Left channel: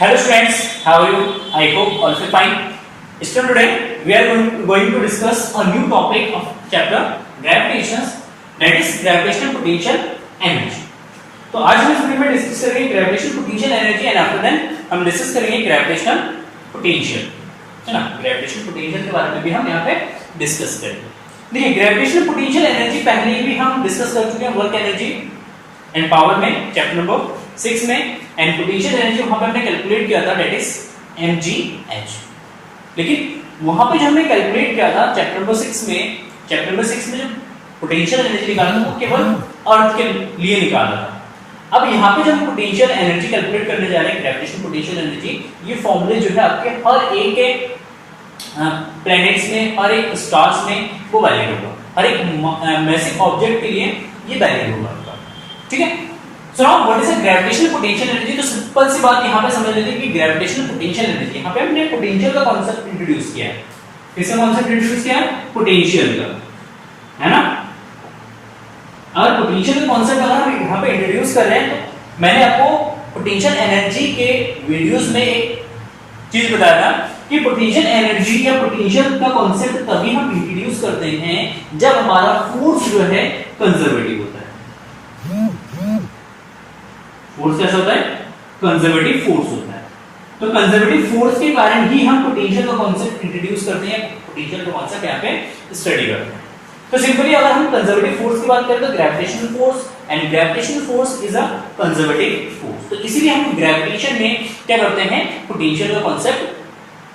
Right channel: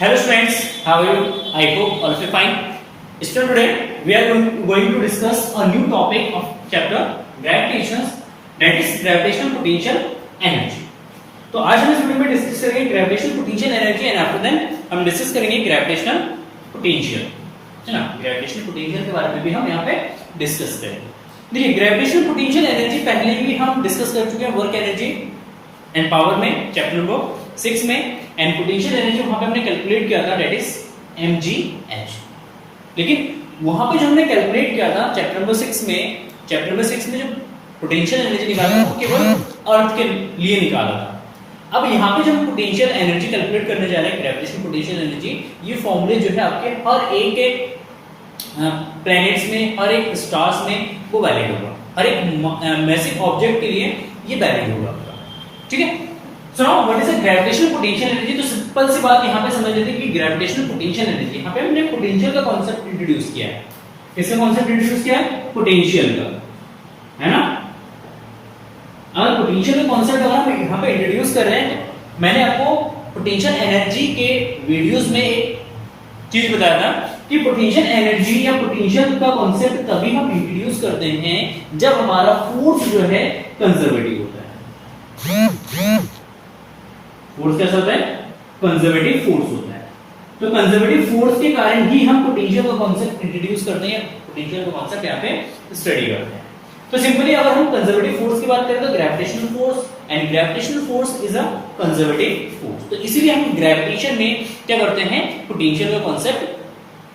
Hello students, how are you? I hope all feel fine. Students, today we are going to discuss a new topic of chapter gravitation, that is gravitational potential energy. तो आज हम इस video में discuss करेंगे gravitational potential energy and after then हम discuss करेंगे gravitational potential, है ना। ग्रेविटेशनल पोटेंशियल के बारे में भी हम यहाँ पे डिस्कस करेंगे। देखिए ग्रेविटेशनल पोटेंशियल एनर्जी पहले भी हम डिस्कस कर चुके हैं वर्क एनर्जी एंड पावर में चैप्टर नंबर 6 में, एंड पोटेंशियल एनर्जी वहां पे हमने कैलकुलेट किया था दैट इज mgh। लेकिन वहां पे जो हमने कैलकुलेट किया था चैप्टर नंबर 6 में जो पोटेंशियल एनर्जी निकाला था वो केवल अर्थ के लिए निकाला था। अब यहाँ पे जो हम पोटेंशियल एनर्जी कैलकुलेट करने जा रहे हैं ग्रेविटेशनल पोटेंशियल एनर्जी, ये फॉर्मूले जो है आपके हर एक प्लैनेट्स में, हर एक स्टार्स में वो वैलिड होगा, हर एक मैसिव ऑब्जेक्ट के लिए ये वैलिड होगा, ठीक है। सो now what is the gravitational potential energy? तो सिंपल सी बात यहाँ पे समझ लेते हैं कि ग्रेविटेशनल पोटेंशियल एनर्जी, यहाँ पे हमने पोटेंशियल का कांसेप्ट इंट्रोड्यूस किया है। किसका कांसेप्ट इंट्रोड्यूस किया है? पोटेंशियल का, है ना। अगर पोटेंशियल का कांसेप्ट अगर हम यहाँ पे इंट्रोड्यूस कर रहे हैं तो मैंने आपको पोटेंशियल एनर्जी के वीडियोस में एक चीज बताया था कि पोटेंशियल एनर्जी या पोटेंशियल का कांसेप्ट तभी हम इंट्रोड्यूस करते हैं जब हमारा फोर्स जो है कंजर्वेटिव होता है। फोर्स कैसा होता है? कंजर्वेटिव फोर्स होता है। तो कंजर्वेटिव फोर्स के कारण ही हम पोटेंशियल का कांसेप्ट इंट्रोड्यूस करते हैं, पोटेंशियल का कांसेप्ट यहाँ पे स्टडी करते हैं। तो सिंपली अगर हम कंजर्वेटिव फोर्स की बात करें तो gravitational force, and gravitational force is a conservative force. तो इसीलिए हम ग्रेविटेशन में क्या करते हैं? पोटेंशियल का कांसेप्ट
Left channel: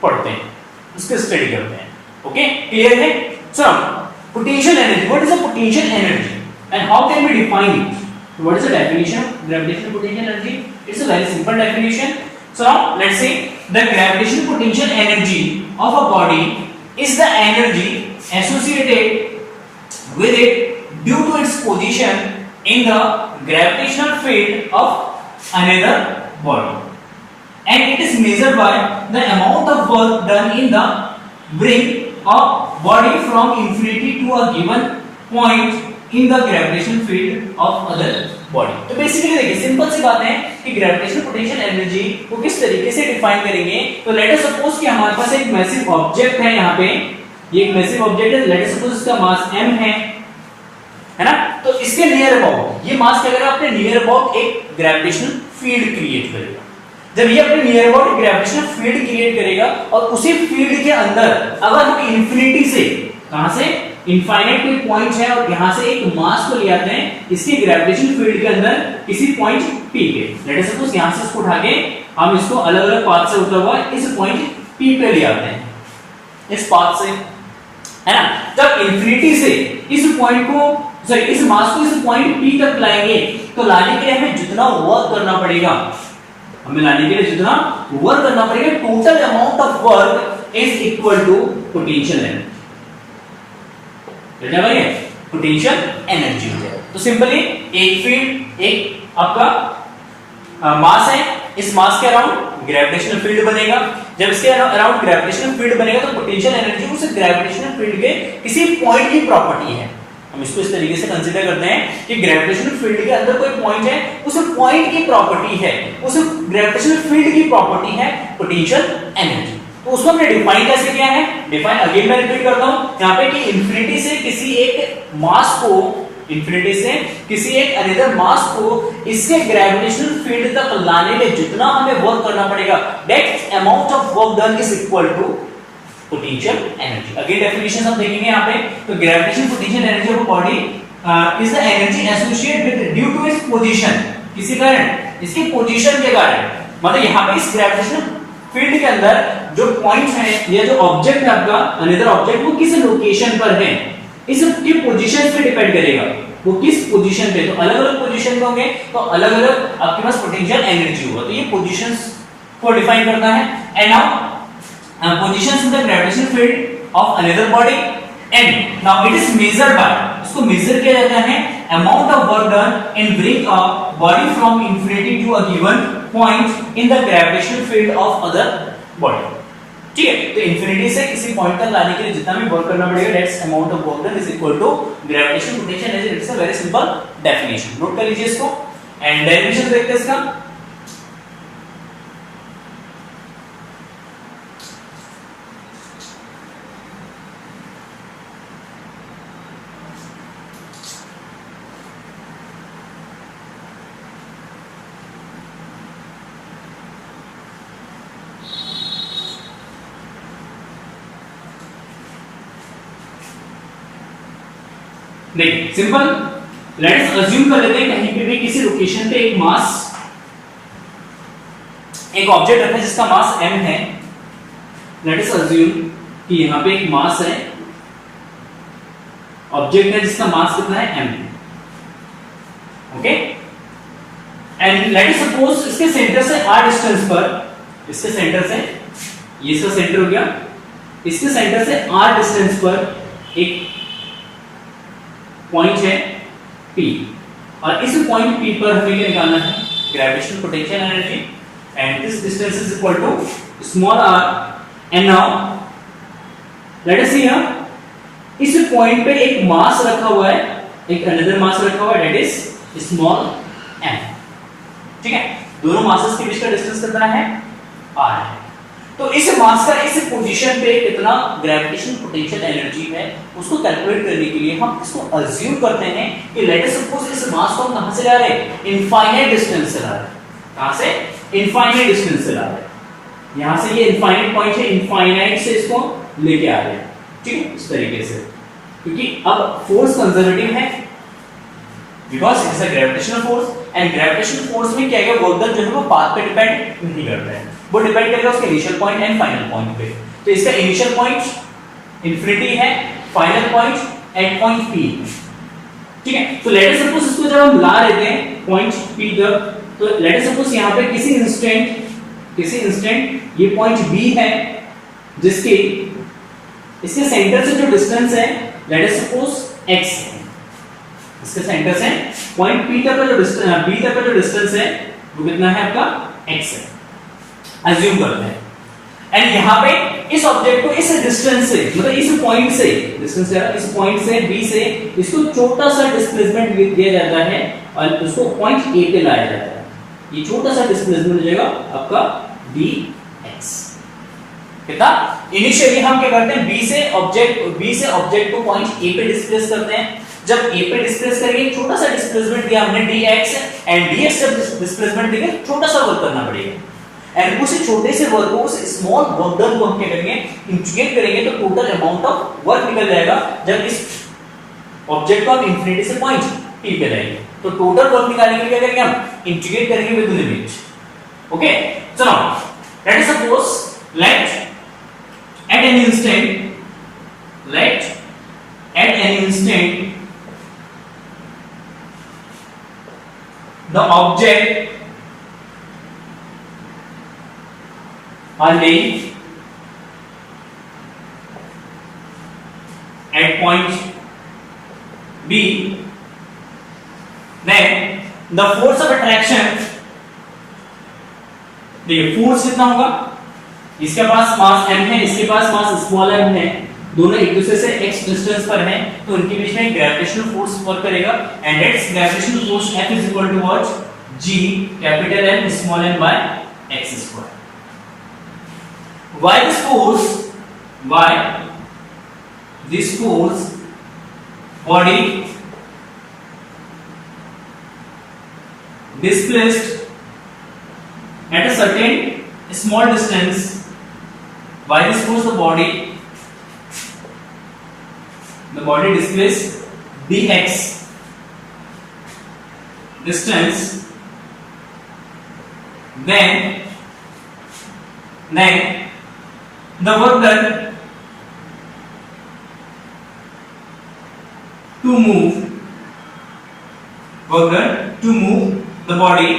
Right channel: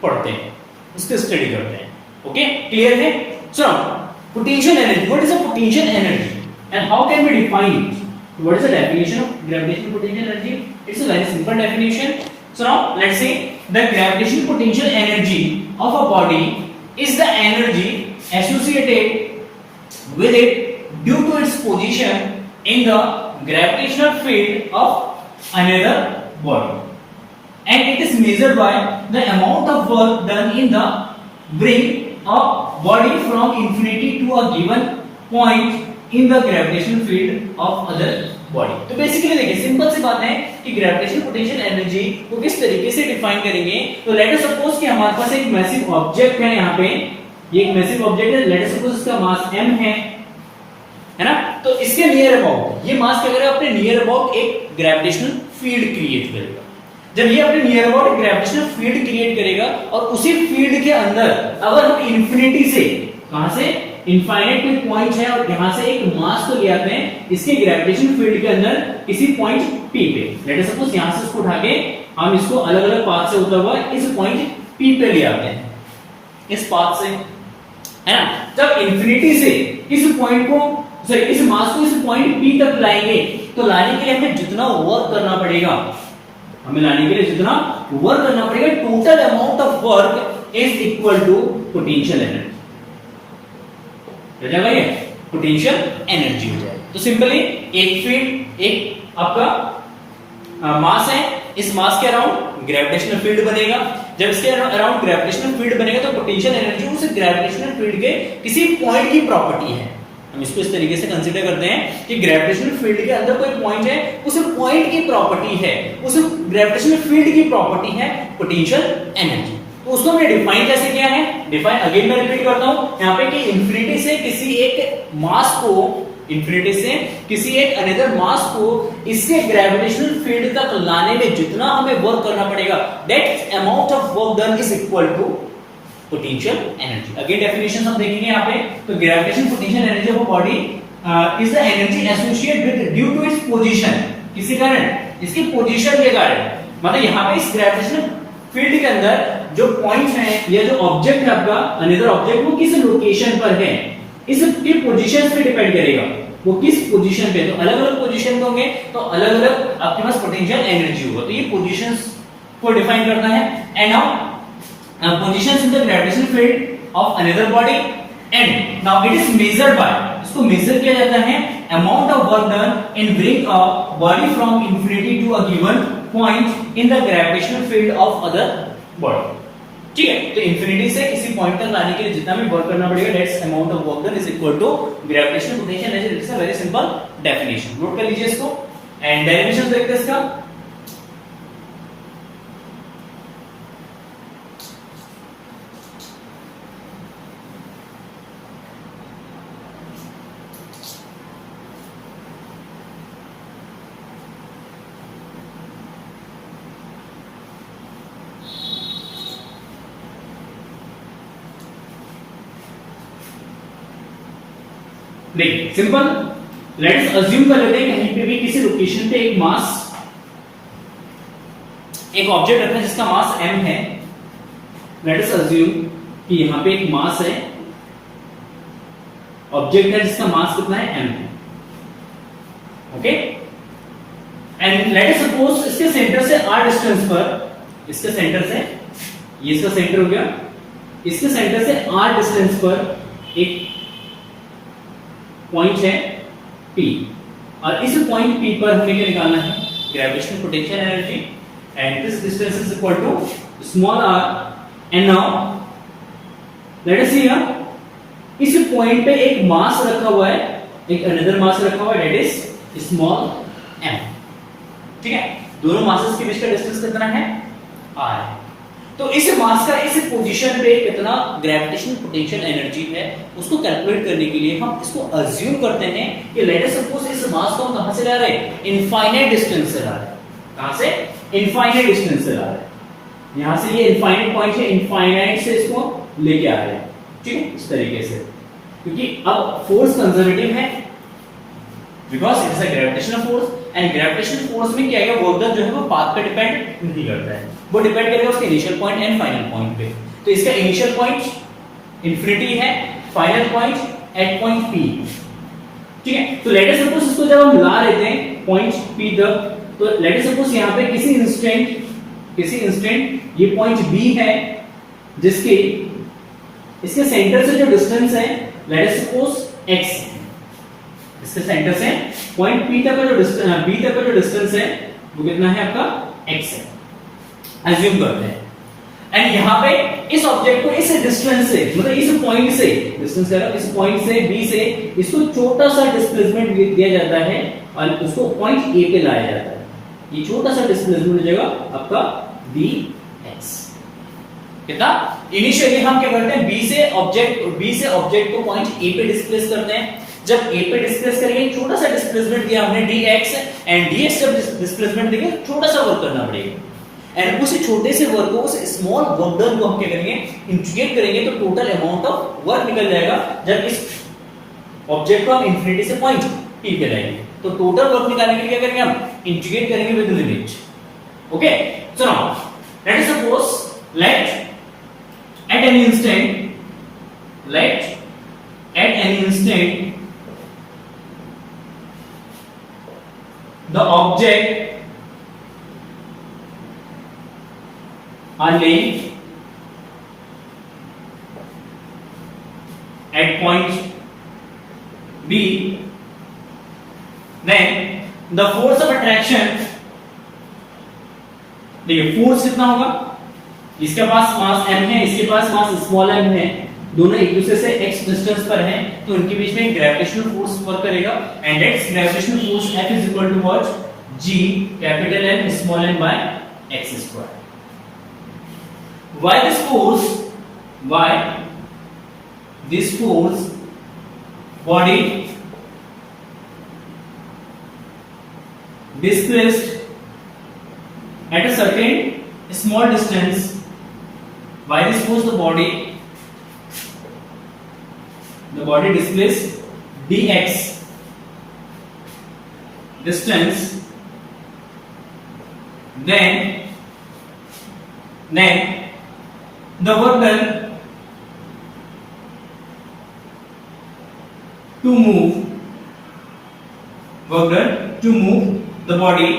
पढ़ते हैं, उसको स्टडी करते हैं। ओके, क्लियर है? So potential energy, what is a potential energy and how can we define it? What is the definition of gravitational potential energy? It's a very simple definition. So now let's see, the gravitational potential energy of a body is the energy associated with it due to its position in the gravitational field of another body, and it is measured by the amount of work done in the bring a body from infinity to a given point in the gravitational field of other body। तो basically देखिए simple सी बात है कि gravitational potential energy को किस तरीके से define करेंगे। तो लेट अस सपोज कि हमारे पास एक मैसिव ऑब्जेक्ट है, यहाँ पे ये एक मैसिव ऑब्जेक्ट है, लेट अस सपोज इसका मास m है ना। तो इसके नियर अबाउट ये मास क्या करेगा? अपने नियर अबाउट एक ग्रेविटेशनल फील्ड क्रिएट करेगा। जब ये अपने near about gravitational field create करेगा और उसी फील्ड के अंदर अगर हम इंफिनिटी से, कहां से, इनफाइनाइट कोई पॉइंट है और यहां से एक मास को ले आते हैं इसके ग्रेविटेशन फील्ड के अंदर किसी पॉइंट P पे, लेट अस सपोज यहां से इसको उठा के हम इसको अलग अलग पाथ से होता हुआ इस पॉइंट P पे ले आते हैं, इस पाथ से, है ना। जब इंफिनिटी से इस पॉइंट को, सॉरी इस मास को इस पॉइंट P तक लाएंगे तो लाने के लिए हमें जितना वर्क करना पड़ेगा, total amount of work is equal to potential energy. Potential energy हो जाए। तो सिंपली एक फील्ड, एक आपका मास है, इस मास के अराउंड ग्रेविटेशनल फील्ड बनेगा। जब इसके अराउंड ग्रेविटेशनल फील्ड बनेगा तो पोटेंशियल एनर्जी उस ग्रेविटेशनल फील्ड के किसी पॉइंट की प्रॉपर्टी है। हम इसको इस तरीके से कंसीडर करते हैं कि ग्रेविटेशनल फील्ड के अंदर कोई पॉइंट है, उस पॉइंट की प्रॉपर्टी है, उस ग्रेविटेशनल फील्ड की प्रॉपर्टी है पोटेंशियल एनर्जी। तो उसको हमने डिफाइन कैसे किया है? डिफाइन अगेन मैं रिपीट करता हूं यहां पे कि इंफिनिटी से किसी एक मास को, इंफिनिटी से किसी एक अनदर मास को इसके ग्रेविटेशनल फील्ड तक लाने में जितना हमें वर्क करना पड़ेगा, that amount of work done is equal to potential energy. Again definition हम देखेंगे यहां पे। तो gravitational potential energy of a body is the energy associated with due to its position, किसी कारण, इसकी पोजीशन के कारण, मतलब यहां पे इस ग्रेविटेशनल फील्ड के अंदर जो पॉइंट है या जो ऑब्जेक्ट है आपका अनदर ऑब्जेक्ट, वो किस लोकेशन पर है, इसकी पोजीशन पे डिपेंड करेगा वो किस पोजीशन पे। तो अलग अलग पोजीशन पे होंगे तो अलग अलग आपके पास पोटेंशियल एनर्जी होगा। तो ये पोजीशंस को डिफाइन करना है। And now positions in the gravitational field of another body, and now it is measured by, इसको मेजर किया जाता है amount of work done in bring a body from infinity to a given point in the gravitational field of other body. ठीक है, तो infinity से किसी point तक लाने के लिए जितना भी वर्क करना पड़ेगा, that's amount of work done is equal to gravitational potential energy. It's a very simple definition, note कर लीजिए इसको। एंड डेरिवेशन देखते हैं इसका। देखिए सिंपल, लेट अस अज्यूम कर लेते हैं कहीं पे भी किसी लोकेशन पे एक मास, एक ऑब्जेक्ट रखते हैं जिसका मास m है। लेट अस अज्यूम कि यहां पे एक मास है, ऑब्जेक्ट है जिसका मास कितना है m, okay. And let us suppose इसके सेंटर से r डिस्टेंस पर, इसके सेंटर से, ये इसका सेंटर हो गया, इसके सेंटर से r डिस्टेंस पर एक पॉइंट है P, और इस पॉइंट P पर हमें क्या निकालना है, gravitational potential energy, and this distance is equal to small r। And now let us see here, इस पॉइंट पे एक मास रखा हुआ है, एक अनदर मास रखा हुआ है, दैट इज स्मॉल m, ठीक है। दोनों मासेस के बीच का डिस्टेंस कितना है, r है। तो इस मास का इस पोजीशन पे कितना ग्रेविटेशनल पोटेंशियल एनर्जी है उसको कैलकुलेट करने के लिए हम इसको अज्यूम करते हैं कि लेट अस सपोज इस मास को हम कहां से ला रहे हैं, इनफाइनाइट डिस्टेंस से ला रहे हैं। कहां से, इनफाइनाइट डिस्टेंस से ला रहे हैं। यहां से ये इनफाइनाइट पॉइंट है, इनफाइनाइट से इसको लेके आ रहे हैं, ठीक है, इस तरीके से, क्योंकि अब फोर्स कंजर्वेटिव है because it is a gravitational force, and gravitational force में क्या है, वर्क जो है वो पाथ पे डिपेंड नहीं करता है, वो डिपेंड करेगा उसके initial point and final point पे। तो इसका इनिशियल पॉइंट इंफिनिटी है, final point at point P, ठीक है। तो लेट अस सपोज इसको जब हम ला लेते हैं पॉइंट P तक, तो लेट अस सपोज यहां पे किसी इंस्टेंट ये पॉइंट B है, जिसके इसके सेंटर से जो डिस्टेंस है लेट अस सपोज x, इसके सेंटर से पॉइंट P तक का जो डिस्टेंस, B तक का जो डिस्टेंस है वो कितना है आपका, x है, अज्यूम करते हैं। एंड यहां पे इस ऑब्जेक्ट को इस डिस्टेंस से, मतलब इस पॉइंट से, डिस्टेंस क्या है, इस पॉइंट से B से इसको छोटा सा डिस्प्लेसमेंट दिया जाता है और उसको पॉइंट A पे लाया जाता है। ये छोटा सा डिस्प्लेसमेंट हो जाएगा आपका dx। कितना, इनिशियली हम क्या करते हैं, B से ऑब्जेक्ट को पॉइंट A पे डिस्प्लेस करते हैं। जब A पे डिस्प्लेस करेंगे, छोटा सा डिस्प्लेसमेंट दिया हमने dx, एंड dx जब डिस्प्लेसमेंट देंगे छोटा सा वर्क करना पड़ेगा, एंड उस छोटे से वर्क को, उस स्मॉल वर्क डन को हम क्या करेंगे, इंटीग्रेट करेंगे, तो टोटल अमाउंट ऑफ वर्क निकल जाएगा जब इस ऑब्जेक्ट को हम इंफिनिटी से पॉइंट P पे लाएंगे। तो टोटल वर्क निकालने के लिए क्या करेंगे, हम इंटीग्रेट करेंगे with limit, okay. So now let us suppose let at an instant the object are laying at point B, then the force of attraction, देखिए फोर्स कितना होगा, इसके पास मास m है, इसके पास मास स्मॉल m है, दोनों एक दूसरे से x डिस्टेंस पर हैं, तो उनके बीच में ग्रेविटेशनल फोर्स वर्क करेगा, and that's gravitational force F is equal to what, G capital M small m by x square. Why this force body displaced at a certain small distance, why this force the body displaced dx distance, then the work done to move the body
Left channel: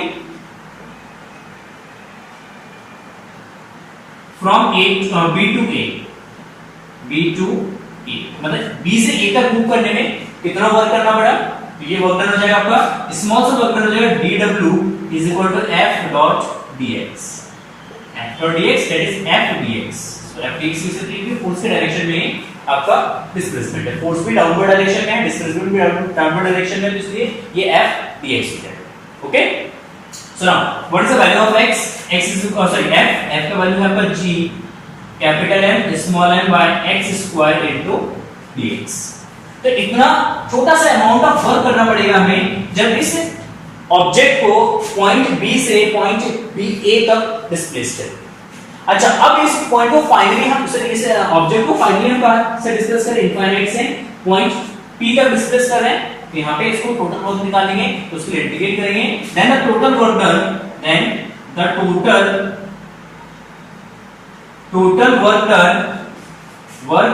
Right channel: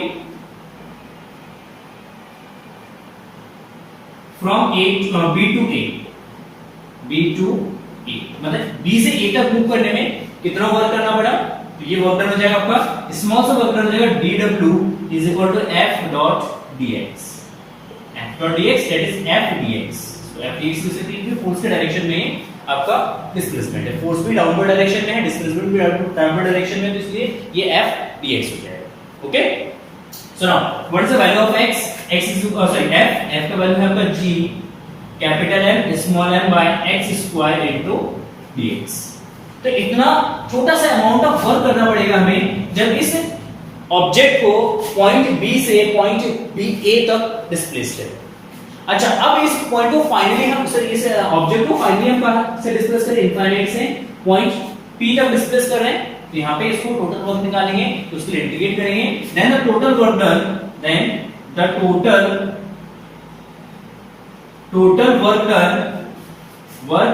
from B to A, मतलब B से A तक move करने में कितना work करना पड़ा, तो ये वर्क डन हो जाएगा आपका, स्मॉल सा वर्क डन हो जाएगा dW is equal to F dot dx that is F dx। तो F dx किस तरीके की फोर्स के डायरेक्शन में आपका डिस्प्लेसमेंट है, फोर्स भी डाउनवर्ड डायरेक्शन में है, डिस्प्लेसमेंट भी डाउनवर्ड डायरेक्शन में है, तो इसलिए ये F dx हो जाएगा, okay. So now what is the value of x, x is f का वैल्यू है आपका g capital M small m by x square into dx। तो इतना छोटा सा अमाउंट ऑफ वर्क करना पड़ेगा हमें जब इस ऑब्जेक्ट को पॉइंट B से पॉइंट A तक डिस्प्लेस करें। अच्छा, अब इस पॉइंट को फाइनली हम इस तरीके से ऑब्जेक्ट को फाइनली हम कहां से डिस्प्लेस करें, इनफाइनाइट से पॉइंट P तक डिस्प्लेस कर रहे हैं, तो यहाँ पे इसको टोटल वर्क निकालेंगे, तो उसके लिए इंटीग्रेट करेंगे, then the total work done, then the total work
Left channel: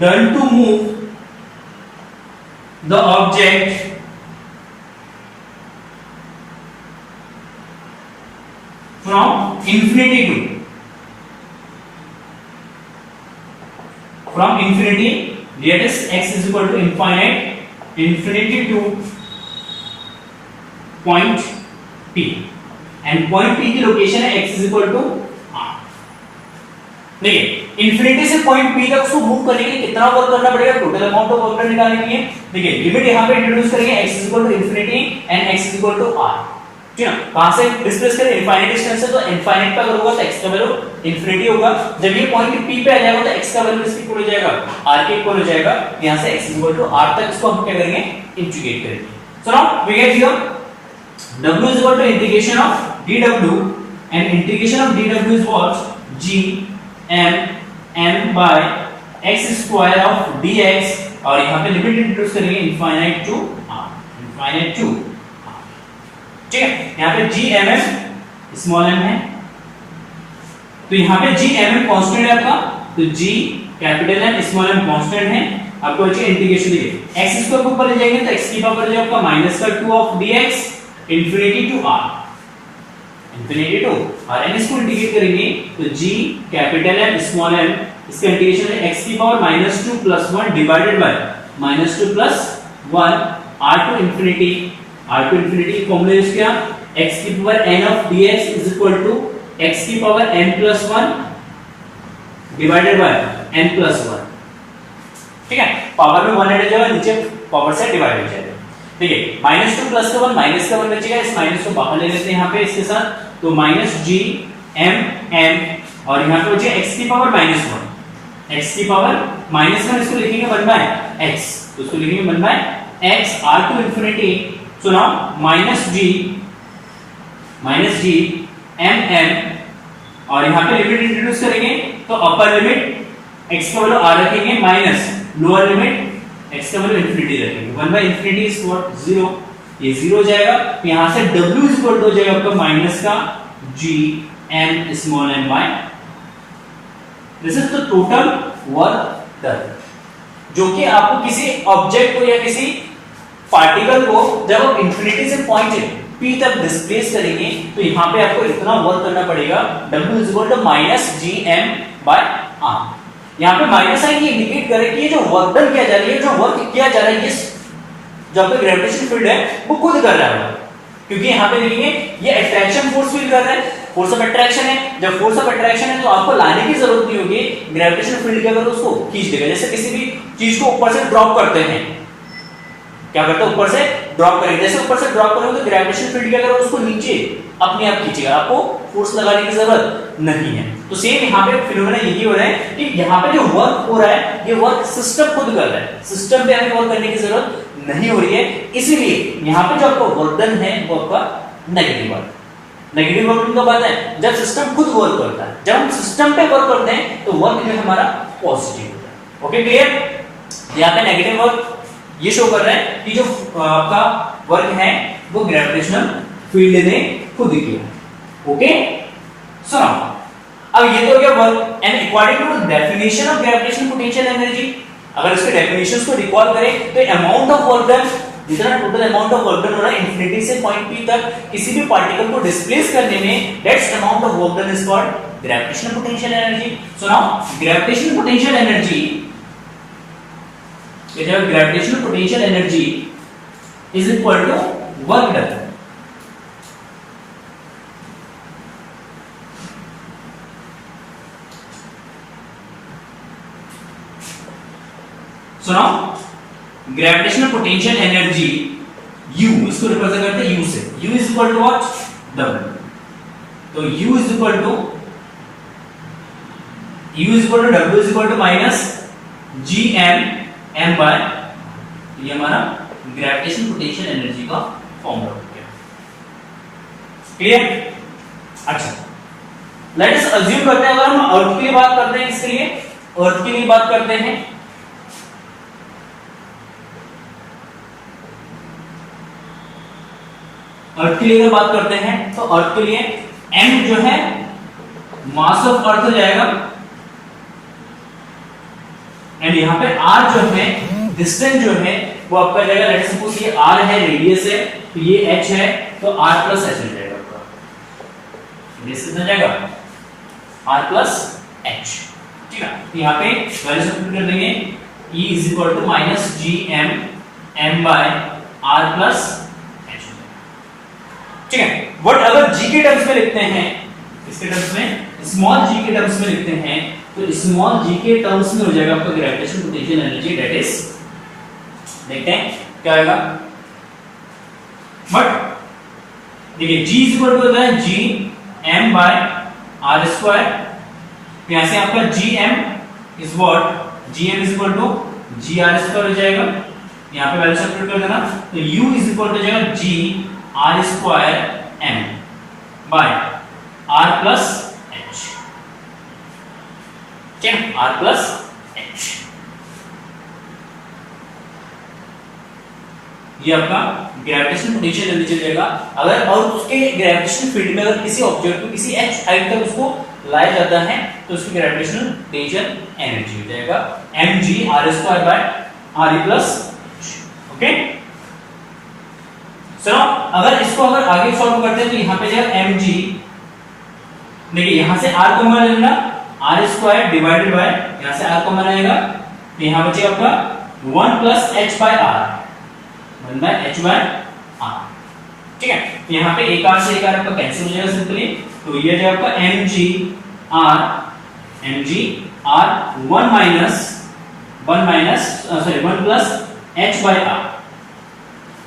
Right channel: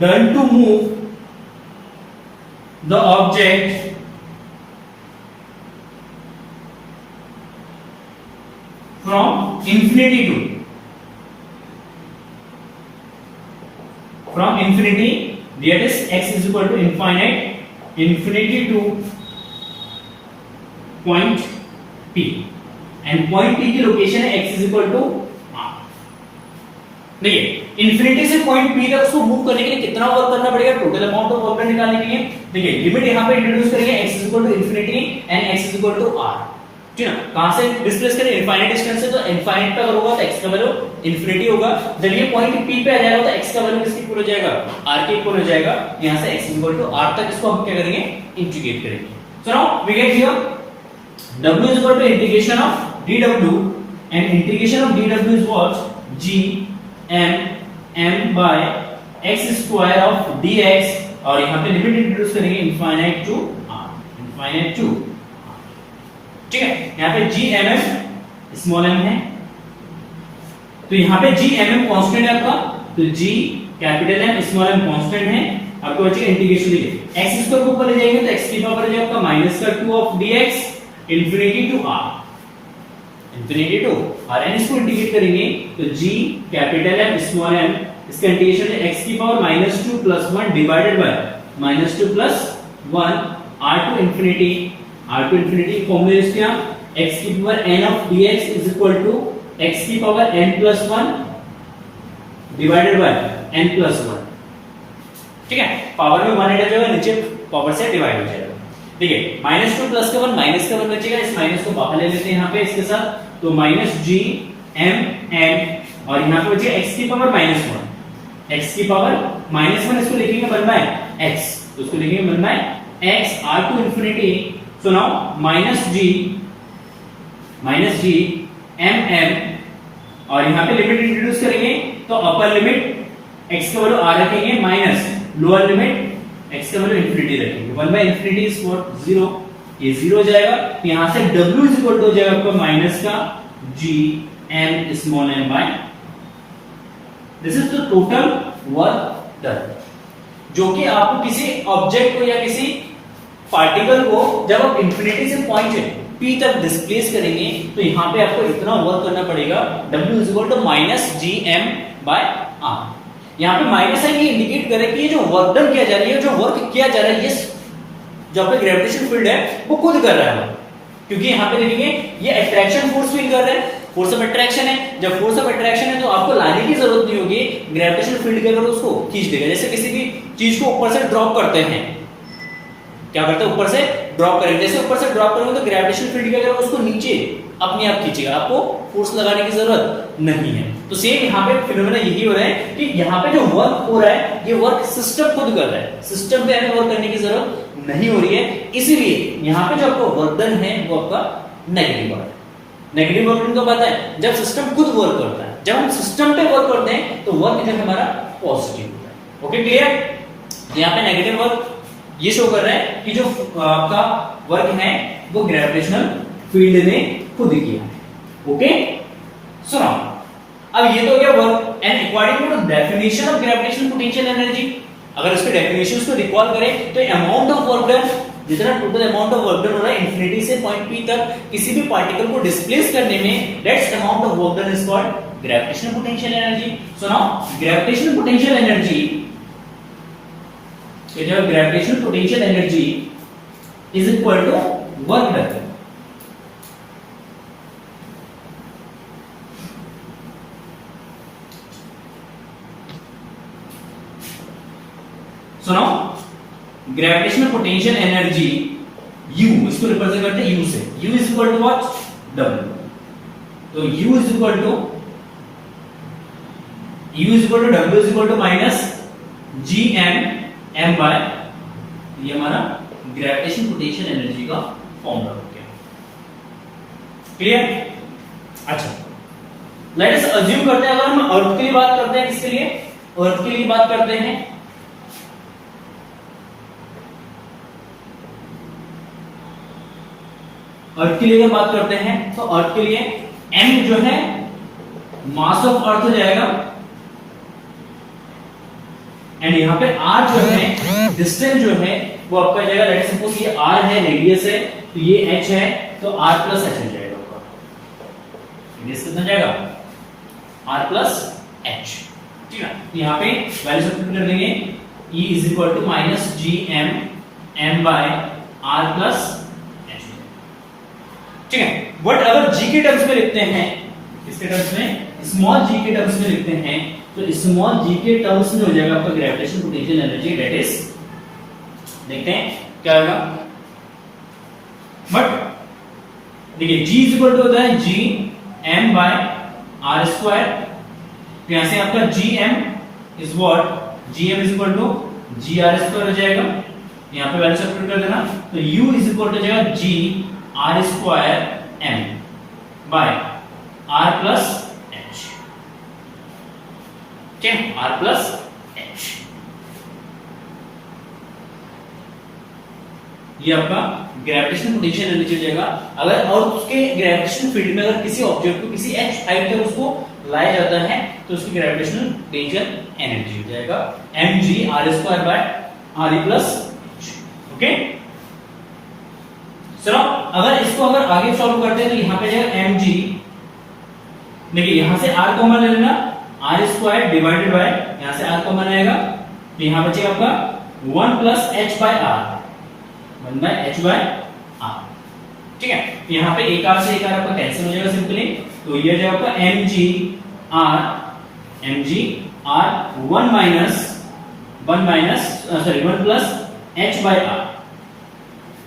done to move the object from infinity that is x is equal to infinity to point P, and point P की location है x is equal to r। देखिए infinity से point P तक उसको move करने के लिए कितना वर्क करना पड़ेगा, टोटल अमाउंट ऑफ वर्क निकालने के लिए। देखिए लिमिट यहाँ पे इंट्रोड्यूस करेंगे, x is equal to infinity and x is equal to r, ठीक है ना। कहां से डिस्प्लेस करें, इनफाइनाइट डिस्टेंस है, तो इनफाइनाइट पे अगर होगा तो x का वैल्यू इंफिनिटी होगा, जब ये पॉइंट P पे आ जाएगा तो x का वैल्यू इसके इक्वल हो जाएगा r के इक्वल हो जाएगा, यहां से x इक्वल टू r तक इसको हम क्या करेंगे, इंटीग्रेट करेंगे। So now we get here w is equal to integration of dw, and integration of dw is what, g m by x square of dx, और यहां पे लिमिट इंट्रोड्यूस करेंगे इनफाइनाइट टू r, ठीक है। यहाँ पे GMM small m है, तो यहाँ पे GMM कांस्टेंट है आपका, तो G capital M small m constant है। आपको बच्चे इंटीग्रेशन दिए, x स्क्वायर को ऊपर ले जाएंगे तो x की पावर जो आपका -2 of dx infinity to r, और n इसको इंटीग्रेट करेंगे तो G capital M small m, इसका इंटीग्रेशन है x की power -2 + 1 divided by -2 + 1 r to infinity formula use किया, x की power n of dx is equal to x की power n + 1 divided by n + 1, ठीक है। पावर में 1 ऐड हो जाएगा, नीचे पावर से डिवाइड हो जाएगा, ठीक है। -2 + 1 माइनस का 1 बचेगा, इस माइनस को बाहर ले लेते हैं यहाँ पे इसके साथ, तो -GMM, और यहाँ पे बचेगा x की पावर -1, x की पावर -1 इसको लिखेंगे 1/x, तो इसको लिखेंगे 1/x r to infinity. So now -g mm, और यहाँ पे लिमिट इंट्रोड्यूस करेंगे, तो अपर लिमिट x का वैल्यू r रखेंगे माइनस लोअर लिमिट x का वैल्यू इंफिनिटी रखेंगे, 1/infinity इज व्हाट 0, ये 0 हो जाएगा, तो यहाँ से w इज इक्वल टू हो जाएगा आपका माइनस का g m small m by, this is the total work done, जो कि आपको किसी ऑब्जेक्ट को या किसी पार्टिकल को जब आप इंफिनिटी से पॉइंट P तक डिस्प्लेस करेंगे, तो यहाँ पे आपको इतना वर्क करना पड़ेगा, W is equal to -GM/r। यहाँ पे माइनस है, ये इंडिकेट करे कि ये जो वर्क डन किया जा रहा है, जो वर्क किया जा रहा है, ये जो आपका ग्रेविटेशन फील्ड है वो खुद कर रहा है, क्योंकि यहाँ पे देखिए ये अट्रैक्शन फोर्स फील कर रहा है, फोर्स ऑफ अट्रैक्शन है। जब फोर्स ऑफ अट्रैक्शन है तो आपको लाने की जरूरत नहीं होगी, ग्रेविटेशन फील्ड के अगर उसको खींच देगा, जैसे किसी भी चीज को ऊपर से ड्रॉप करते हैं, क्या करते हैं, ऊपर से ड्रॉप करेंगे, जैसे ऊपर से ड्रॉप करोगे तो ग्रेविटेशन फील्ड के अगर उसको नीचे अपने आप खींचेगा, आपको फोर्स लगाने की जरूरत नहीं है। तो सेम यहाँ पे फिनोमेना यही हो रहा है कि यहाँ पे जो वर्क हो रहा है, ये वर्क सिस्टम खुद कर रहा है, सिस्टम पे हमें वर्क करने की जरूरत नहीं हो रही है, इसलिए यहाँ पे जो आपका वर्क डन है वो आपका नेगेटिव वर्क। नेगेटिव वर्क कब आता है, जब सिस्टम खुद वर्क करता है, जब हम सिस्टम पे वर्क करते हैं तो वर्क जो हमारा पॉजिटिव। ओके क्लियर, यहाँ पे नेगेटिव वर्क ये शो कर रहा है कि जो आपका वर्क है वो ग्रेविटेशनल फील्ड ने खुद किया। ओके सुनो, अब ये तो क्या work, and according to the definition of gravitational potential energy, अगर इसके डेफिनेशंस को रिकॉल करें तो अमाउंट ऑफ वर्क डन, जितना total amount of work done हो रहा है इंफिनिटी से पॉइंट P तक किसी भी पार्टिकल को डिस्प्लेस करने में, that's amount of work done is called gravitational potential energy. So now gravitational potential energy, gravitational potential energy is equal to work done. So now gravitational potential energy U, इसको represent करते हैं U से, U is equal to what, W। तो U is equal to W is equal to minus GM by, ये हमारा gravitational potential energy का formula हो गया। क्लियर? अच्छा, लेट अस अज्यूम करते हैं, अगर हम अर्थ के लिए बात करते हैं, इसके लिए अर्थ के लिए बात करते हैं, अर्थ के लिए अगर बात करते हैं तो अर्थ के लिए m जो है मास ऑफ अर्थ हो जाएगा, एंड यहाँ पे r जो है डिस्टेंस जो है वो आपका जाएगा, लेट अस सपोज ये r है, रेडियस है, तो ये h है, तो r प्लस h हो जाएगा आपका, रेडियस कितना जाएगा r प्लस h, ठीक है। तो यहाँ पे वैल्यू सब्स्टिट्यूट कर देंगे, E is equal to minus G M M by R plus H, ठीक है। बट अगर जी के टर्म्स में लिखते हैं, इसके टर्म्स में स्मॉल जी के टर्म्स में लिखते हैं, तो स्मॉल जी के टर्म्स में हो जाएगा आपका gravitational potential energy, that is, देखते हैं क्या आएगा। बट देखिए जी इज इक्वल टू होता है G M by R square, यहां से आपका G M is what, G M is equal to G R square हो जाएगा, यहाँ पे वैल्यू सब्स्टिट्यूट कर देना, तो u इज इक्वल टू हो जाएगा G R square M by R plus H, क्या आर प्लस एच, ये आपका ग्रेविटेशनल पोटेंशियल एनर्जी हो जाएगा। अगर और उसके ग्रेविटेशनल फील्ड में अगर किसी ऑब्जेक्ट को किसी h हाइट तक उसको लाया जाता है तो उसकी ग्रेविटेशनल पोटेंशियल एनर्जी हो जाएगा mg r² by re plus h, okay. चलो अगर इसको अगर आगे सॉल्व करते हैं तो यहाँ पे जाएगा mg, देखिए यहाँ से r कॉमन ले लेना, r² डिवाइडेड बाय, यहाँ से r कॉमन आएगा, तो यहाँ बचेगा आपका 1 plus h by r, 1 by h by r, ठीक है। तो यहाँ पे एक r से एक r आपका कैंसिल हो जाएगा सिंपली, तो ये जाएगा आपका mg r 1 plus h by r,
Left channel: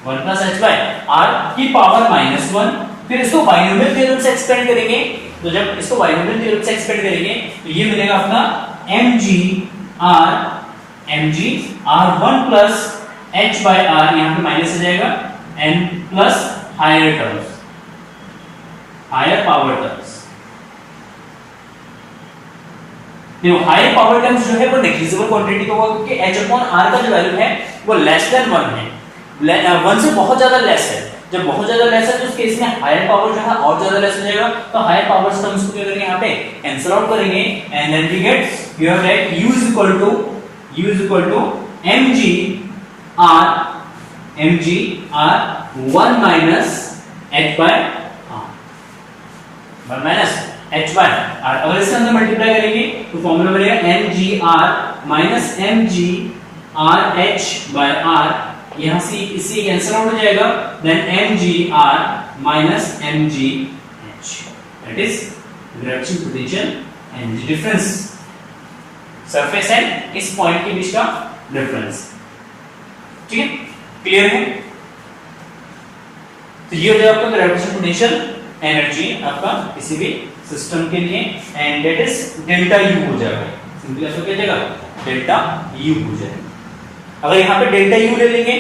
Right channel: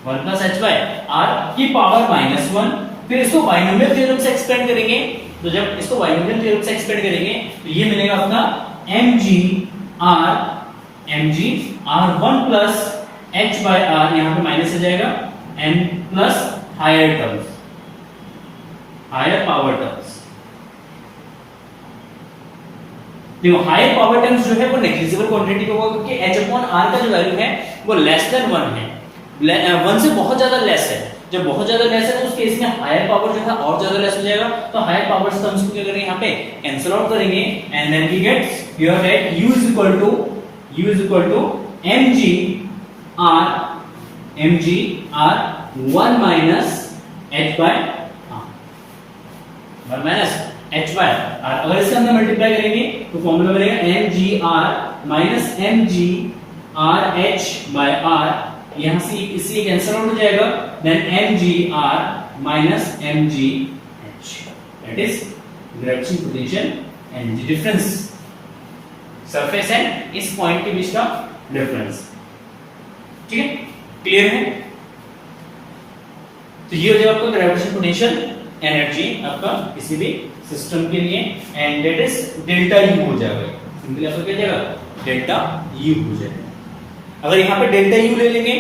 1 plus h by r की पावर -1, फिर इसको बाइनोमियल थ्योरम से एक्सपेंड करेंगे, तो जब इसको बाइनोमियल थ्योरम से एक्सपेंड करेंगे तो ये मिलेगा अपना mg r 1 plus h by r, यहाँ पे माइनस हो जाएगा, n plus higher terms, higher power terms, देखो हायर पावर टर्म्स जो है वो नेग्लिजिबल क्वांटिटी का होगा, क्योंकि h अपॉन r का जो वैल्यू है वो लेस देन 1 है, 1 से बहुत ज्यादा लेस है, जब बहुत ज्यादा लेस है तो उस केस में हायर पावर जो है और ज्यादा लेस हो जाएगा, तो हायर पावर टर्म्स को क्या करेंगे यहाँ पे कैंसिल आउट करेंगे, and then we get here that u is equal to mg r 1 minus h by r, 1 minus h by r, अगर इसके अंदर मल्टीप्लाई करेंगे तो फॉर्मूला बनेगा mgr minus mgr h by r, यहां से इससे कैंसिल आउट हो जाएगा, then mgr minus mgh, that is gravitational potential energy difference, surface and इस पॉइंट के बीच का डिफरेंस, ठीक है, क्लियर है। तो ये हो जाएगा आपका ग्रेविटेशनल पोटेंशियल एनर्जी आपका किसी भी सिस्टम के लिए, and that is delta U हो जाएगा, सिंपली आपका क्या जाएगा डेल्टा U हो जाएगा। अगर यहाँ पे डेल्टा U ले लेंगे,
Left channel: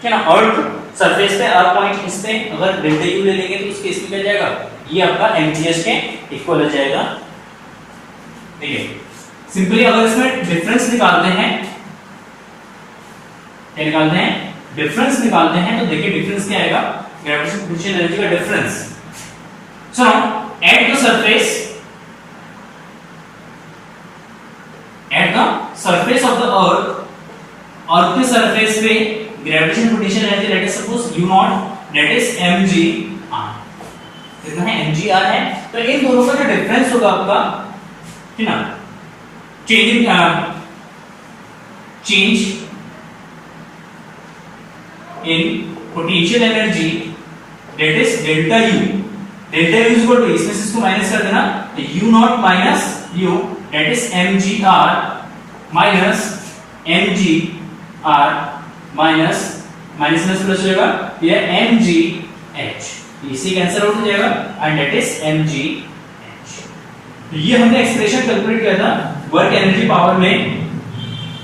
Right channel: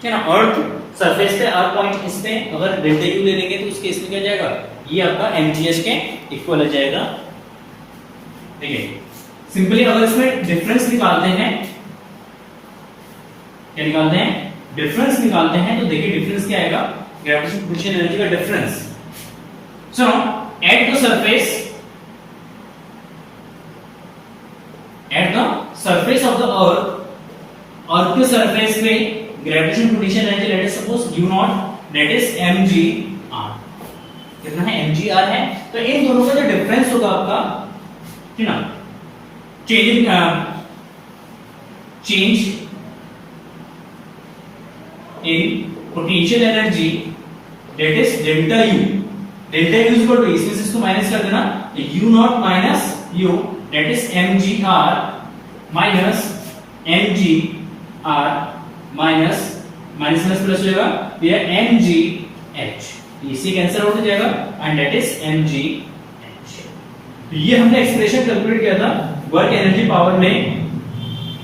क्या ना, अर्थ सरफेस पे अर्थ पॉइंट इस पे अगर डेल्टा U ले लेंगे तो उस केस में क्या जाएगा, ये आपका mgh के इक्वल हो जाएगा, ठीक है। सिंपली अगर इसमें डिफरेंस निकालते हैं, क्या निकालते हैं, डिफरेंस निकालते हैं, तो देखिए डिफरेंस क्या आएगा, ग्रेविटेशनल पोटेंशियल एनर्जी का difference. So at the surface of the earth के सरफेस पे gravitational potential energy, let us suppose u not, that is mgr, कितना है mgr है, तो इन दोनों का जो डिफरेंस होगा आपका, ठीक ना, change in potential energy, that is delta U, delta U is equal to, इसमें से इसको माइनस कर देना, u not minus u, that is mgr minus mgr minus minus plus हो जाएगा, यह mgh, इसे कैंसिल आउट हो जाएगा, एंड that is mgh। ये हमने एक्सप्रेशन कैलकुलेट किया था वर्क एनर्जी पावर में,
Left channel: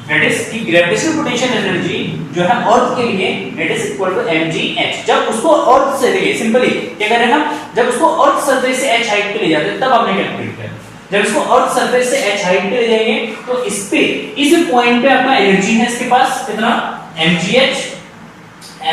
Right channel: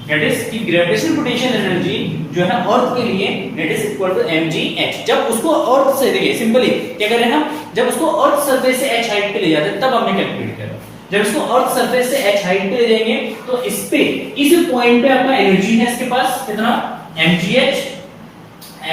दैट इज कि ग्रेविटेशनल पोटेंशियल एनर्जी जो है अर्थ के लिए that is equal to mgh, जब उसको अर्थ से, देखिए सिंपली क्या करें ना, जब उसको अर्थ सरफेस से h हाइट पे ले जाते हैं तब आपने कैलकुलेट किया, जब इसको अर्थ सरफेस से h हाइट पे ले जाएंगे तो इस पे, इस पॉइंट पे आपका एनर्जी है इसके पास कितना, mgh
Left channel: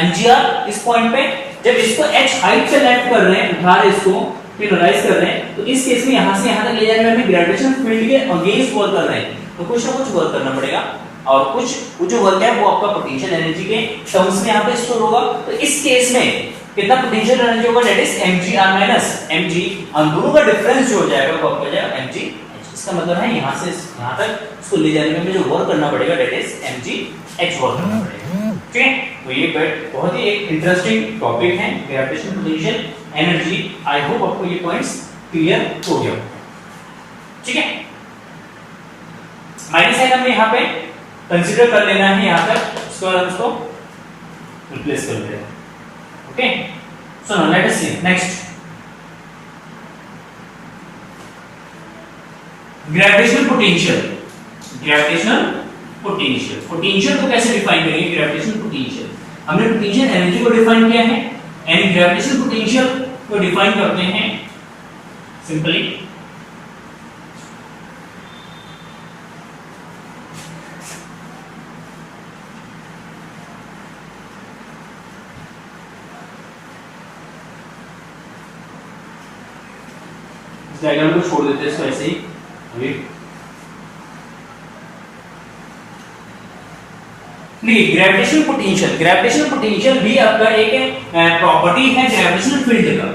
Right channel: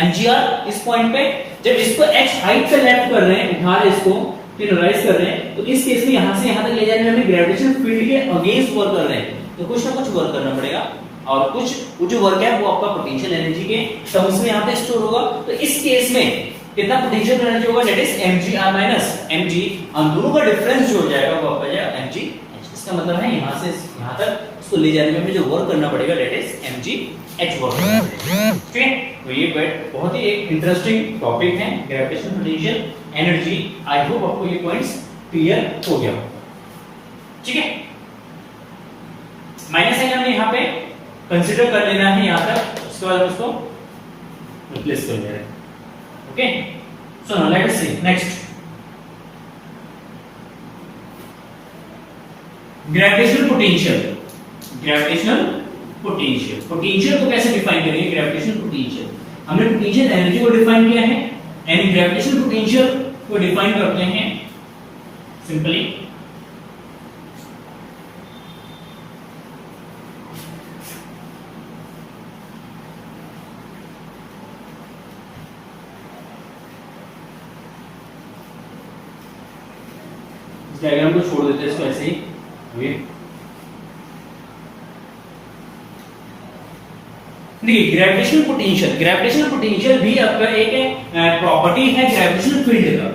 mgr, इस पॉइंट पे जब इसको h हाइट से लेफ्ट कर रहे हैं, उठा रहे इसको, फिर राइज कर रहे हैं, तो इस केस में यहां से यहां तक ले जाने में हमें ग्रेविटेशन फील्ड के अगेंस्ट वर्क कर रहे हैं, तो कुछ ना कुछ वर्क करना पड़ेगा, और कुछ वो जो वर्क है वो आपका पोटेंशियल एनर्जी के टर्म्स में यहां पे स्टोर होगा। तो इस केस में कितना पोटेंशियल एनर्जी होगा, that is mgr minus mg, हम दोनों का डिफरेंस जो हो जाएगा वो आपका जाएगा mg। इसका मतलब है यहां से यहां तक इसको ले जाने में हमें जो वर्क करना पड़ेगा that is mg h work करना पड़ेगा। ठीक है, तो ये बहुत ही एक इंटरेस्टिंग टॉपिक है gravitational potential energy. I hope आपको ये पॉइंट्स क्लियर हो गया। ठीक है, माइनस साइन हमें यहां पे कंसीडर कर लेना है यहां तक, उसके बाद हम उसको रिप्लेस कर देंगे। Okay, so now let us see next, gravitational potential. Gravitational potential, potential को कैसे डिफाइन करेंगे? ग्रेविटेशनल पोटेंशियल, हमने पोटेंशियल एनर्जी को डिफाइन किया है, एंड ग्रेविटेशनल पोटेंशियल को डिफाइन करते हैं सिंपली इस डायग्राम को छोड़ देते हैं इसको ऐसे ही अभी। देखिए ग्रेविटेशनल पोटेंशियल, ग्रेविटेशनल पोटेंशियल भी आपका एक प्रॉपर्टी है ग्रेविटेशनल फील्ड का।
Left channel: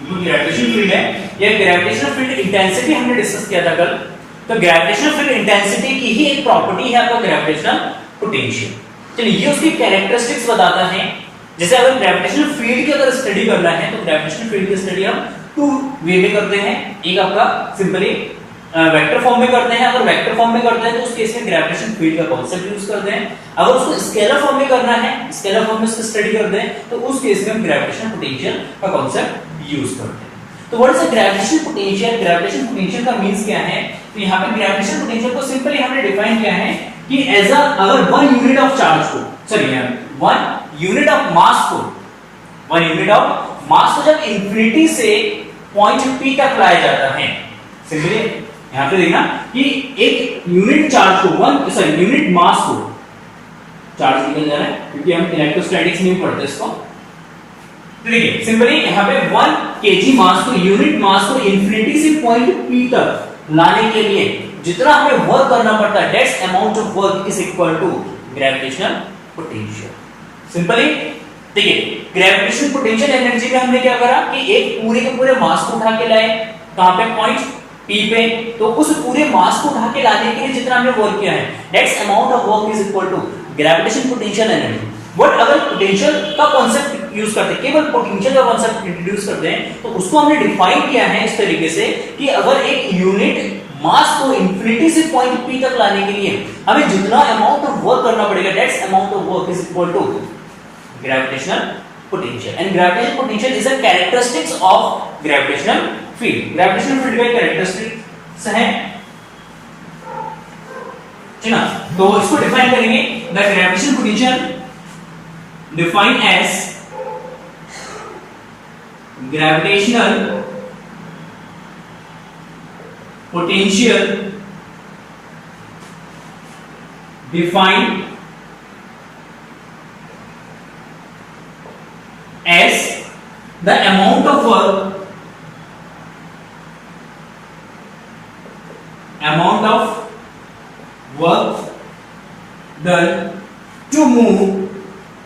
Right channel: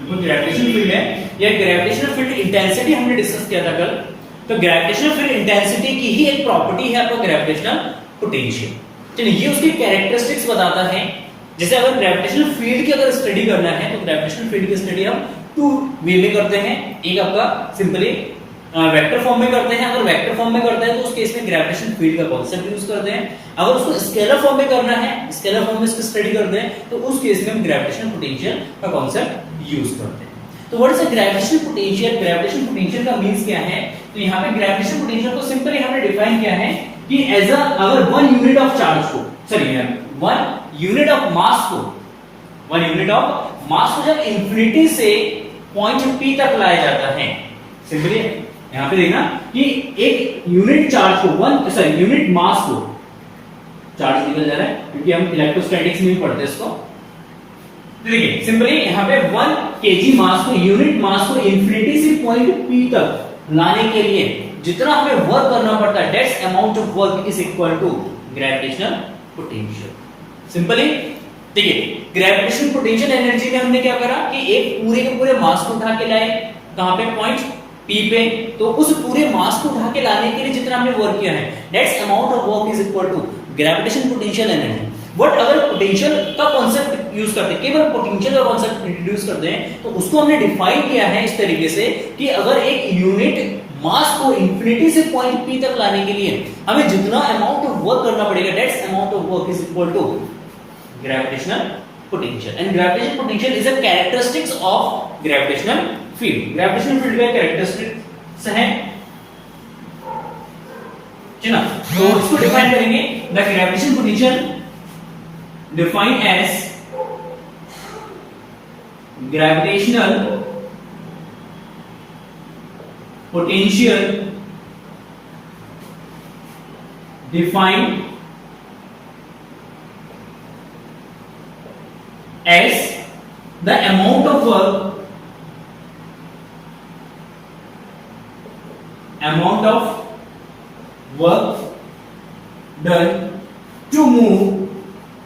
जो ग्रेविटेशनल फील्ड है या ग्रेविटेशनल फील्ड इंटेंसिटी हमने डिस्कस किया था कल, तो ग्रेविटेशनल फील्ड इंटेंसिटी की ही एक प्रॉपर्टी है आपका ग्रेविटेशनल पोटेंशियल। चलिए ये उसकी कैरेक्टरिस्टिक्स बताता है। जैसे अगर ग्रेविटेशनल फील्ड की अगर स्टडी करना है तो ग्रेविटेशनल फील्ड की स्टडी हम टू वे में करते हैं। एक आपका सिंपली वेक्टर फॉर्म में करते हैं, अगर वेक्टर फॉर्म में करते हैं तो उस केस में ग्रेविटेशनल फील्ड का कांसेप्ट यूज करते हैं। अगर उसको स्केलर फॉर्म में करना है, स्केलर फॉर्म में इसको स्टडी करते हैं, तो उस केस में हम ग्रेविटेशनल पोटेंशियल का कांसेप्ट यूज करते हैं। तो what is gravitational potential? Gravitational potential का मींस क्या है? तो यहां पे ग्रेविटेशनल पोटेंशियल को सिंपली हमने डिफाइन किया है कि एज अ अगर 1 यूनिट ऑफ चार्ज को, सॉरी 1 यूनिट ऑफ मास को, 1 यूनिट ऑफ मास को जब इंफिनिटी से पॉइंट P तक लाया जाता है, सिंपली यहां पे देखना कि एक यूनिट चार्ज को यूनिट मास को, चार्ज निकल जा रहा है क्योंकि हम इलेक्ट्रोस्टैटिक्स में भी पढ़ते हैं इसको। देखिए सिंपली यहां पे 1 kg मास को, यूनिट मास को इंफिनिटी से पॉइंट P तक लाने के लिए जितना हमें वर्क करना पड़ता है, that's amount of work is equal to gravitational potential. Simply देखिए ग्रेविटेशनल पोटेंशियल एनर्जी में हमने क्या करा कि एक पूरे के पूरे मास को उठा के लाए, कहां पे? पॉइंट P पे। तो उस पूरे मास को उठा के लाने के लिए जितना हमने वर्क किया है, that's amount of work is equal to gravitational potential energy. But अगर पोटेंशियल का कांसेप्ट यूज करते हैं, केवल पोटेंशियल का कांसेप्ट इंट्रोड्यूस करते हैं, तो उसको हमने डिफाइन किया है इस तरीके से कि अगर एक यूनिट मास को इंफिनिटी से पॉइंट P तक लाने के लिए हमें जितना अमाउंट ऑफ वर्क करना पड़ेगा, that's amount of work is equal to gravitational potential, and gravitational potential is a characteristics of gravitational field. gravitational field का characteristics है जी ना, तो इसको डिफाइन करेंगे। the gravitational potential defined as gravitational potential defined as the amount of work done to move a unit mass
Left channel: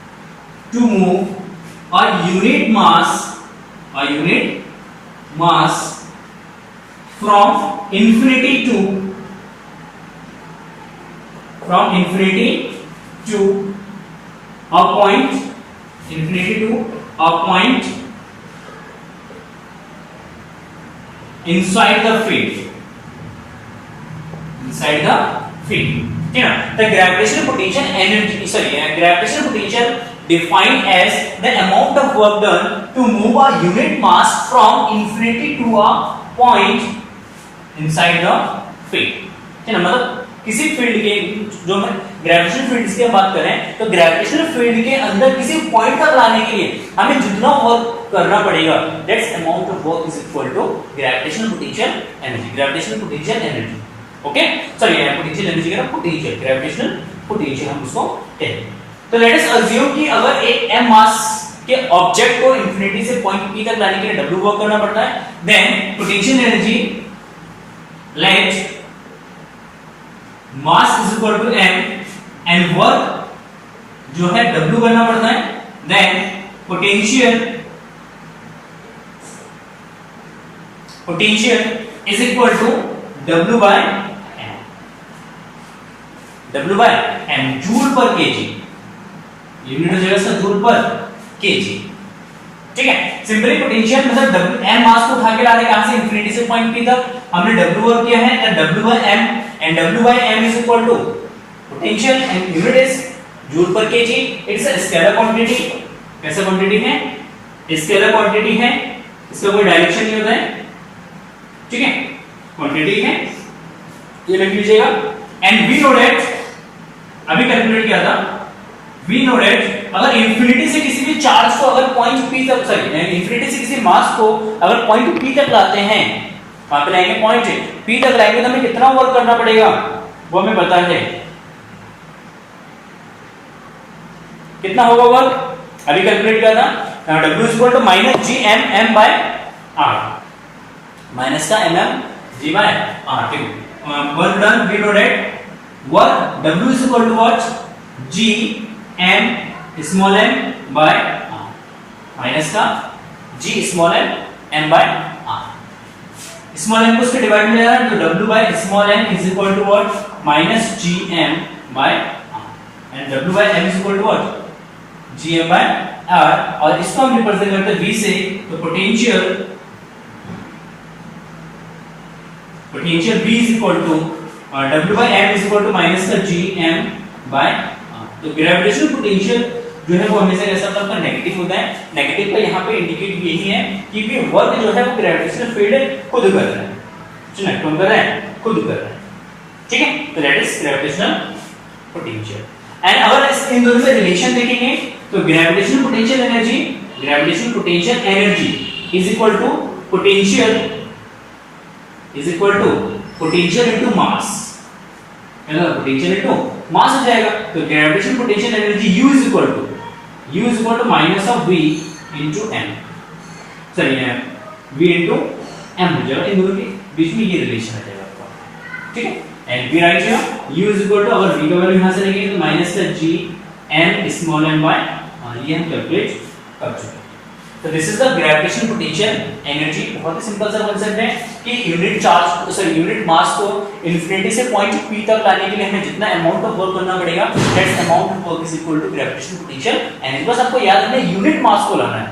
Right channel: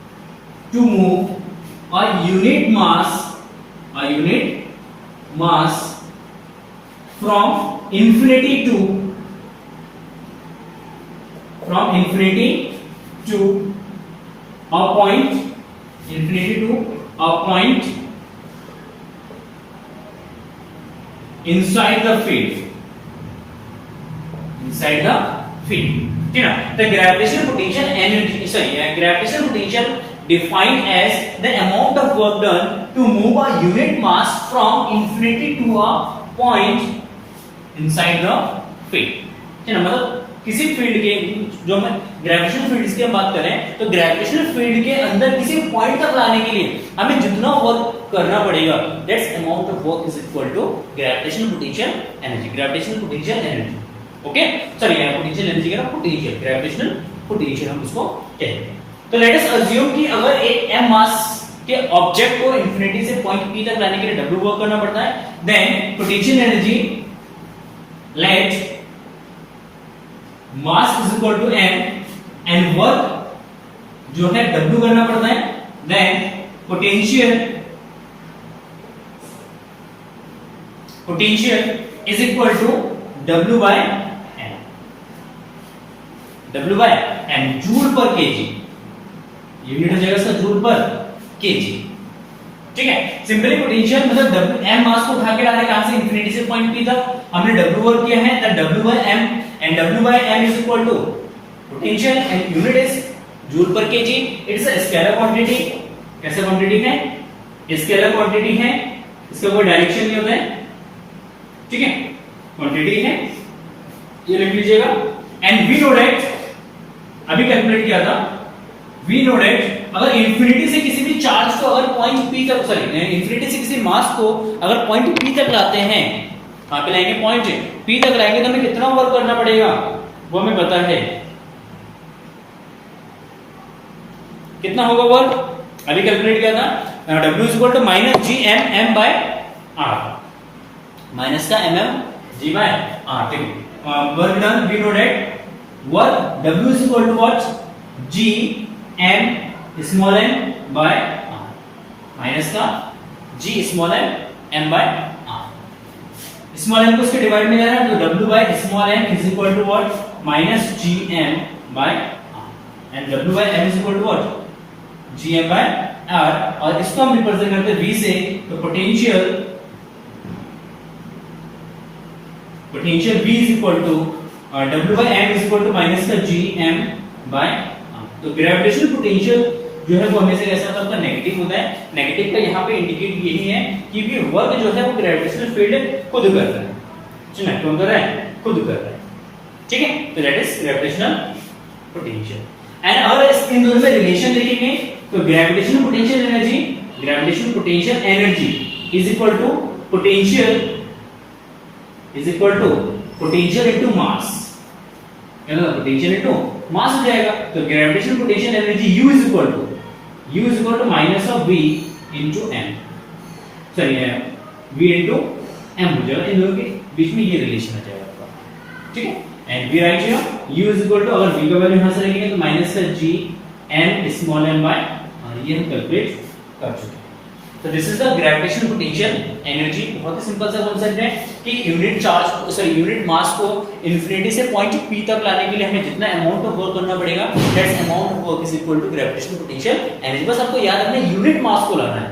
from infinity to a point inside the field, ठीक है ना। the gravitational potential defined as the amount of work done to move a unit mass from infinity to a point inside the field, ठीक है ना। मतलब किसी field के, जो हम ग्रेविटेशनल फील्ड की बात करें, तो ग्रेविटेशनल फील्ड के अंदर किसी पॉइंट तक लाने के लिए हमें जितना वर्क करना पड़ेगा, that's amount of work is equal to gravitational potential energy. Gravitational potential energy, okay, sorry potential energy का पोटेंशियल, ग्रेविटेशनल पोटेंशियल हम उसको कहते हैं। तो लेट अस अज्यूम कि अगर एक m मास कि ऑब्जेक्ट को इंफिनिटी से पॉइंट पी तक लाने के लिए W वर्क करना पड़ता है, then potential energy let mass is equal to m and work जो है W करना पड़ता है, then potential is equal to W by m joule per kg, unit हो जाएगा इसका जूल पर केजी। ठीक है, सिंपली पोटेंशियल मतलब m मास को उठा के ला रहे कहां से इंफिनिटी से पॉइंट p तक, हमने W वर्क किया है तो W by m and W by m is equal to potential and unit is joule per kg। It's a scalar quantity. कैसा क्वांटिटी है? स्केलर क्वांटिटी है, इसका कोई डायरेक्शन नहीं होता है। ठीक है, क्वांटिटी है, ये लिख लीजिएगा। एंड वी नो दैट, अभी कैलकुलेट किया था, वी नो दैट अगर इंफिनिटी से किसी भी चार्ज को अगर पॉइंट p तक, सॉरी इंफिनिटी से किसी मास को अगर पॉइंट p तक लाते हैं, वहां पे लाएंगे पॉइंट p तक लाएंगे तो हमें कितना वर्क करना पड़ेगा वो हमें पता है। कितना होगा वर्क? अभी कैलकुलेट किया था, W is equal to minus G M M by R, minus का mm g बाय r। ठीक है, work done, we know that work W is equal to what? g m small m by r, minus का g small m by r। Small m को उसके divide में जा रहा है तो W by small m is equal to what? Minus G M by r and W by m is equal to what? G M by r। और इसको हम रिप्रेजेंट करते हैं v से, तो potential v is equal to W by m is equal to minus का G M by r। तो gravitational potential जो है वो हमेशा कैसा होता है? नेगेटिव होता है। नेगेटिव का यहाँ पे इंडिकेट यही है कि भी वर्क जो है वो ग्रेविटेशनल फील्ड खुद कर रहा है। सुनिए, कौन कर रहा है? खुद कर रहा है। ठीक है, तो that is gravitational potential. And अगर इन दोनों में रिलेशन देखेंगे तो gravitational potential energy is equal to potential into mass, है ना? पोटेंशियल इनटू मास हो जाएगा। तो gravitational potential energy U is equal to minus of V into m, sorry V into m हो जाएगा। इन दोनों के बीच में ये रिलेशन आ जाएगा आपका। ठीक है, and we write here U is equal to, अगर V का वैल्यू यहां से लेंगे तो माइनस का g m small m by, और ये हम कैलकुलेट कर चुके हैं। तो this is the gravitational potential energy. बहुत ही सिंपल सा कांसेप्ट है कि यूनिट मास को इंफिनिटी से पॉइंट p तक लाने के लिए हमें जितना अमाउंट ऑफ वर्क करना पड़ेगा, that's amount of work is equal to gravitational potential energy. बस आपको याद रखना है यूनिट मास को लाना है।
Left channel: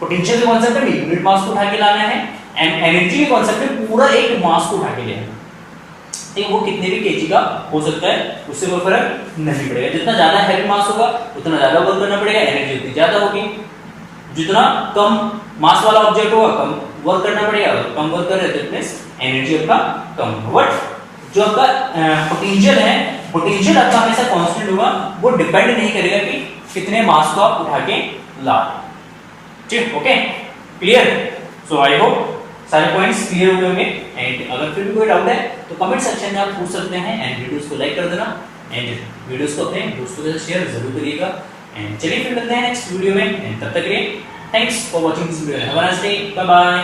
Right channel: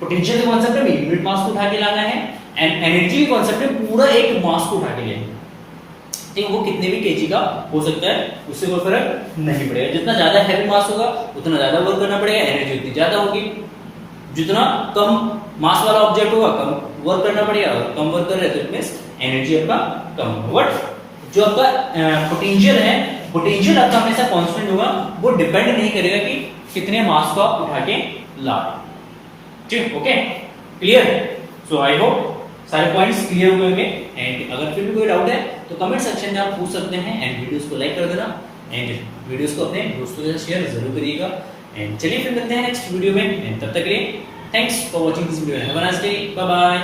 पोटेंशियल के कांसेप्ट में यूनिट मास को उठा के लाना है, एंड एनर्जी के कांसेप्ट में पूरा एक मास को उठा के लेना है। ठीक, वो कितने भी केजी का हो सकता है, उससे कोई फर्क नहीं पड़ेगा। जितना ज्यादा हैवी मास होगा उतना ज्यादा वर्क करना पड़ेगा, एनर्जी उतनी ज्यादा होगी। जितना कम मास वाला ऑब्जेक्ट होगा कम वर्क करना पड़ेगा, अगर कम वर्क कर रहे तो इट एनर्जी आपका कम होगा। बट जो आपका पोटेंशियल है, पोटेंशियल आपका हमेशा कांस्टेंट होगा, वो डिपेंड नहीं करेगा कि कितने मास को आप उठा के ला। ठीक, okay, clear? So I hope सारे पॉइंट्स क्लियर हो गए होंगे। एंड अगर फिर भी कोई डाउट है तो कमेंट सेक्शन में आप पूछ सकते हैं, एंड वीडियोस को लाइक कर देना, एंड वीडियोस को अपने दोस्तों के साथ शेयर जरूर करिएगा। एंड चलिए फिर मिलते हैं नेक्स्ट वीडियो में, एंड तब तक के लिए thanks for watching this video. Have a nice day, bye bye.